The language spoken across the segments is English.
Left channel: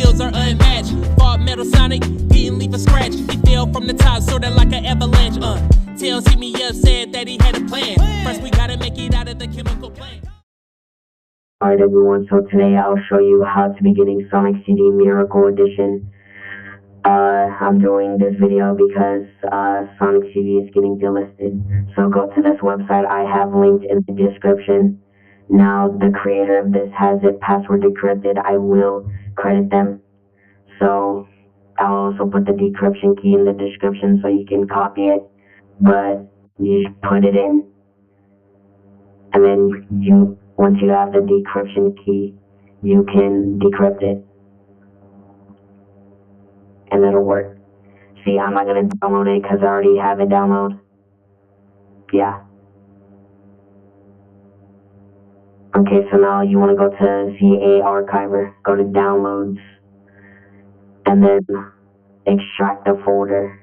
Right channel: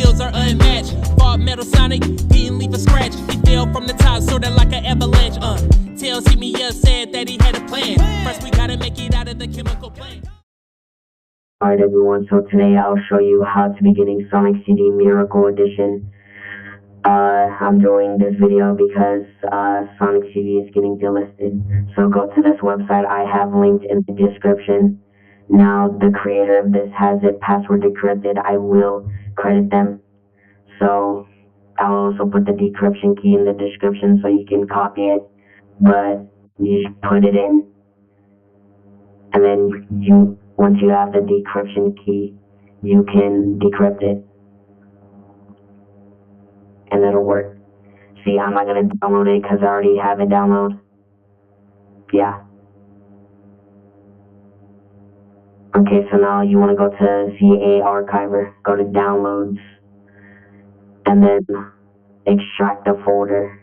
skills are unmatched. Fought Metal Sonic, didn't leave a scratch. He fell from the top, sorta like an avalanche. Tails hit me up, said that he had a plan. First we gotta make it out of the chemical plant. Alright everyone, so today I'll show you how to be getting Sonic CD Miracle Edition. I'm doing this video because Sonic CD is getting delisted. So go to this website I have linked in the description. Now the creator of this has it password decrypted. I will credit them. So I'll also put the decryption key in the description so you can copy it. But you just put it in. And then once you have the decryption key, you can decrypt it. And it'll work. See, I'm not going to download it because I already have it downloaded. Yeah. Okay, so now you want to go to CA Archiver, go to Downloads, and then extract the folder,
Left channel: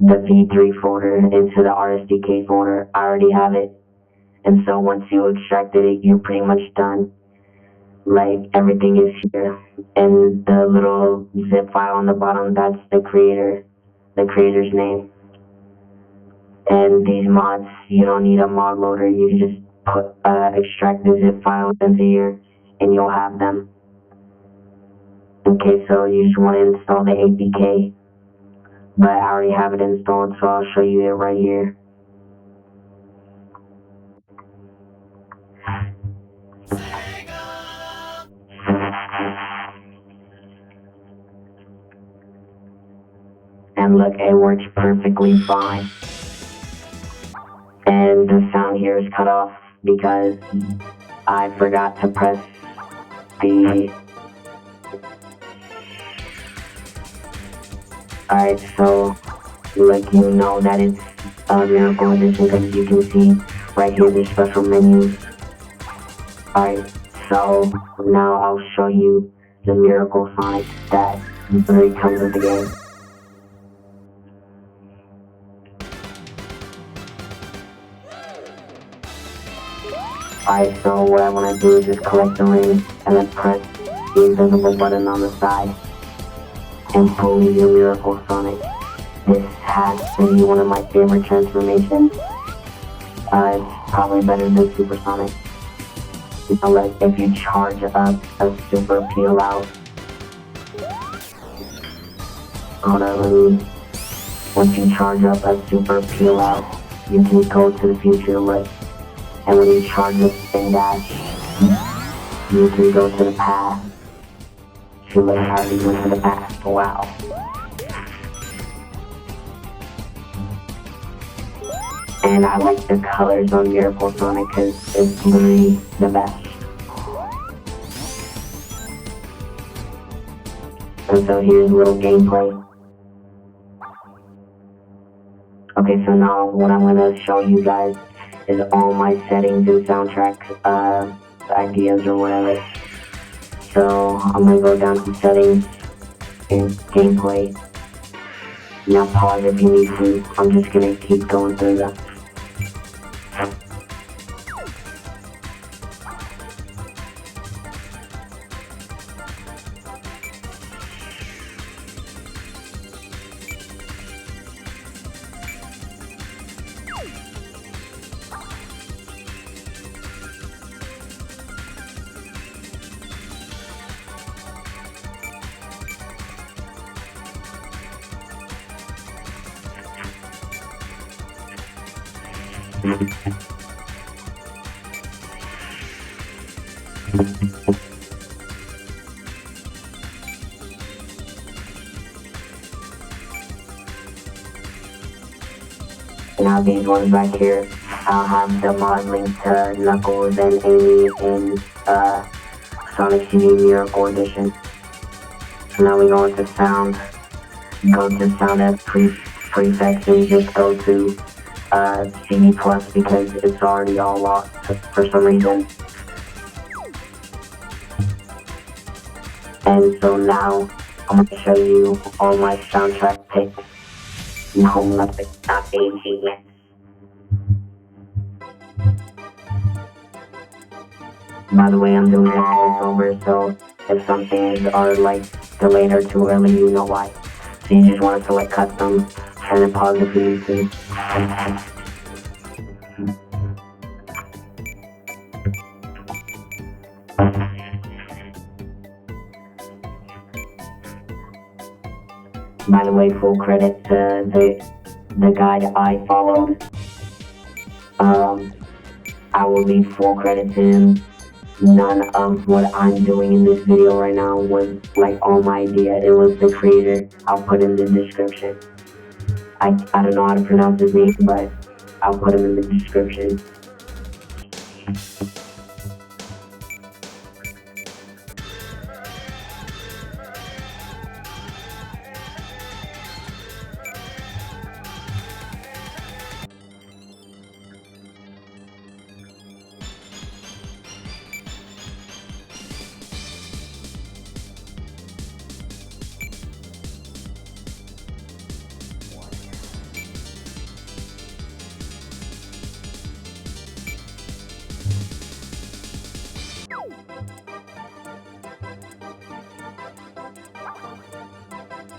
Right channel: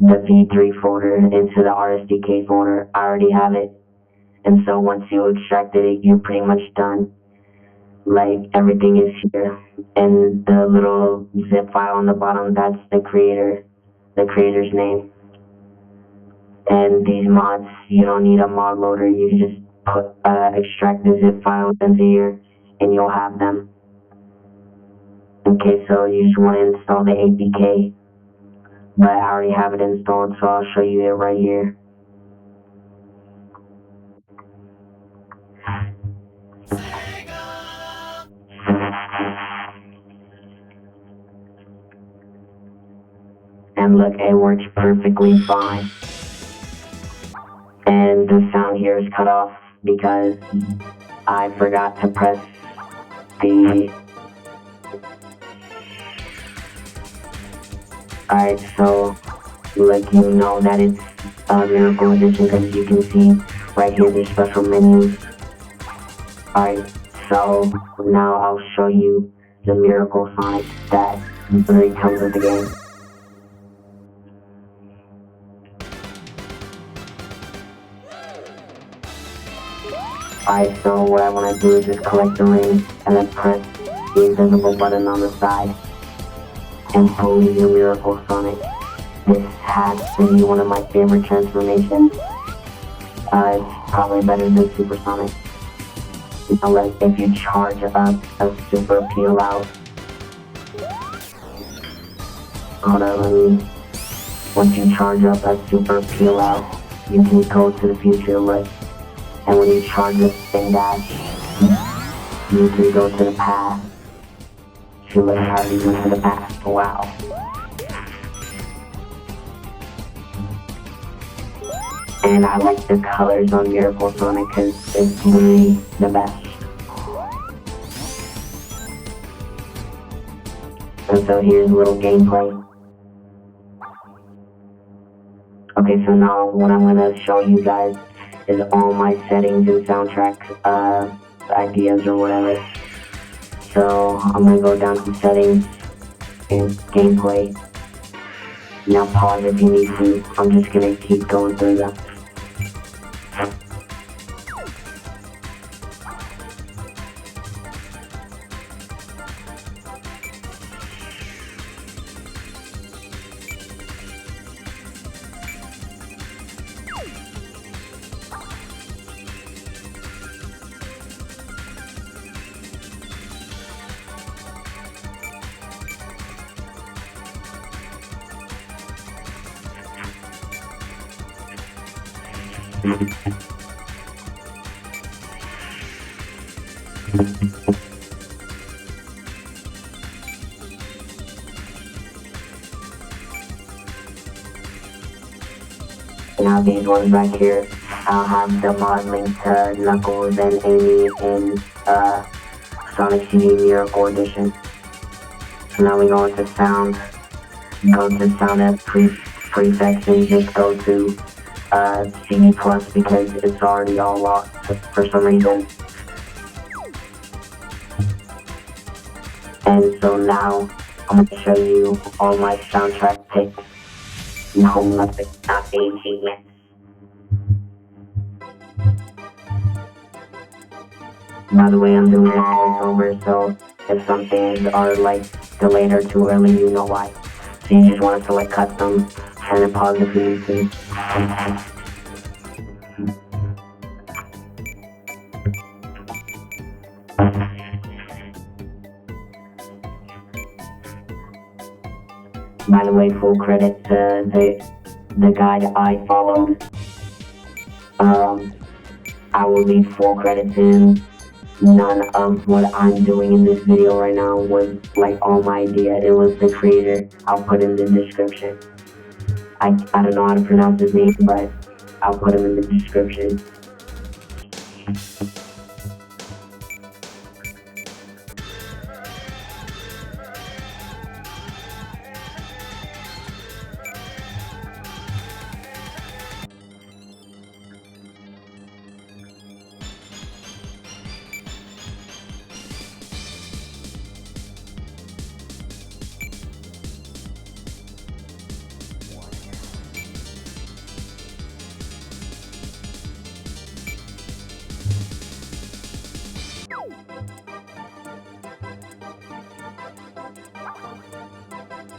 the V3 folder, into the RSDK folder. I already have it. And so once you extracted it, you're pretty much done. Like, everything is here. And the little zip file on the bottom, that's the creator's name. And these mods, you don't need a mod loader. You just extract the zip file into here, and you'll have them. Okay, so you just want to install the APK. But I already have it installed, so I'll show you it right here. And look, it works perfectly fine. And the sound here is cut off because I forgot to press the... Alright, so like you know that it's a Miracle Edition, as you can see right here in the special menu. Alright, so now I'll show you the Miracle Sonic that really comes with the game. Alright, so what I want to do is just collect the rings and then press the invisible button on the side and pull the Miracle Sonic. This has to be one of my favorite transformations. It's probably better than Super Sonic. Like if you charge a super peel out. Hold on, once you charge up a super peel out, you can go to the future with. And when you charge up the dash, you can go to the past. See what happens when in the past. Wow. And I like the colors on Miracle Sonic because it's literally the best. And so here's a little gameplay. Okay, so now what I'm going to show you guys is all my settings and soundtrack ideas or whatever. So I'm going to go down to settings and gameplay. Now pause if you need to. I'm just going to keep going through them. Now these ones right here, I'll have the mod link to Knuckles and Amy in Sonic CD Miracle Edition. Now we go into sound. Go to sound as prefix and just go to CD Plus because it's already all locked for some reason. And so now I'm going to show you all my soundtrack picks in homeelectric.ag. By the way, I'm doing this over, so if some fans are like delayed or too early, you know why. So you just want to like cut them and then pause if you need to. By the way, full credit to the guy I followed. I will need full credit to him. None of what I'm doing in this video right now was like all my idea. It was the creator. I'll put him in the description. I don't know how to pronounce his name, but I'll put him in the description.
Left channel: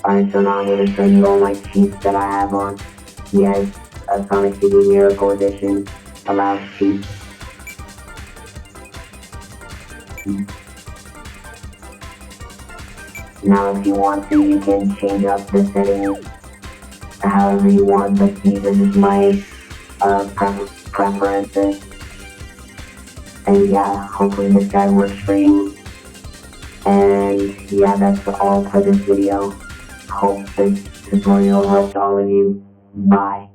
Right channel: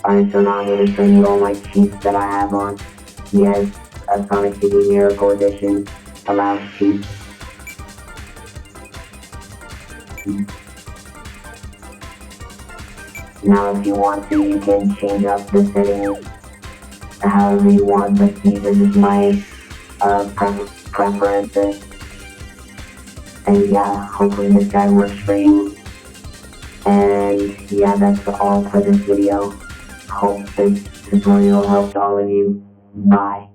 Alright, so now I'm going to show you all my cheats that I have on. He has a Sonic CD Miracle Edition, the last cheat. Now if you want to, you can change up the settings however you want, but see, this is my preferences. And yeah, hopefully this guy works for you. And yeah, that's all for this video. Hope this tutorial helped all of you. Bye.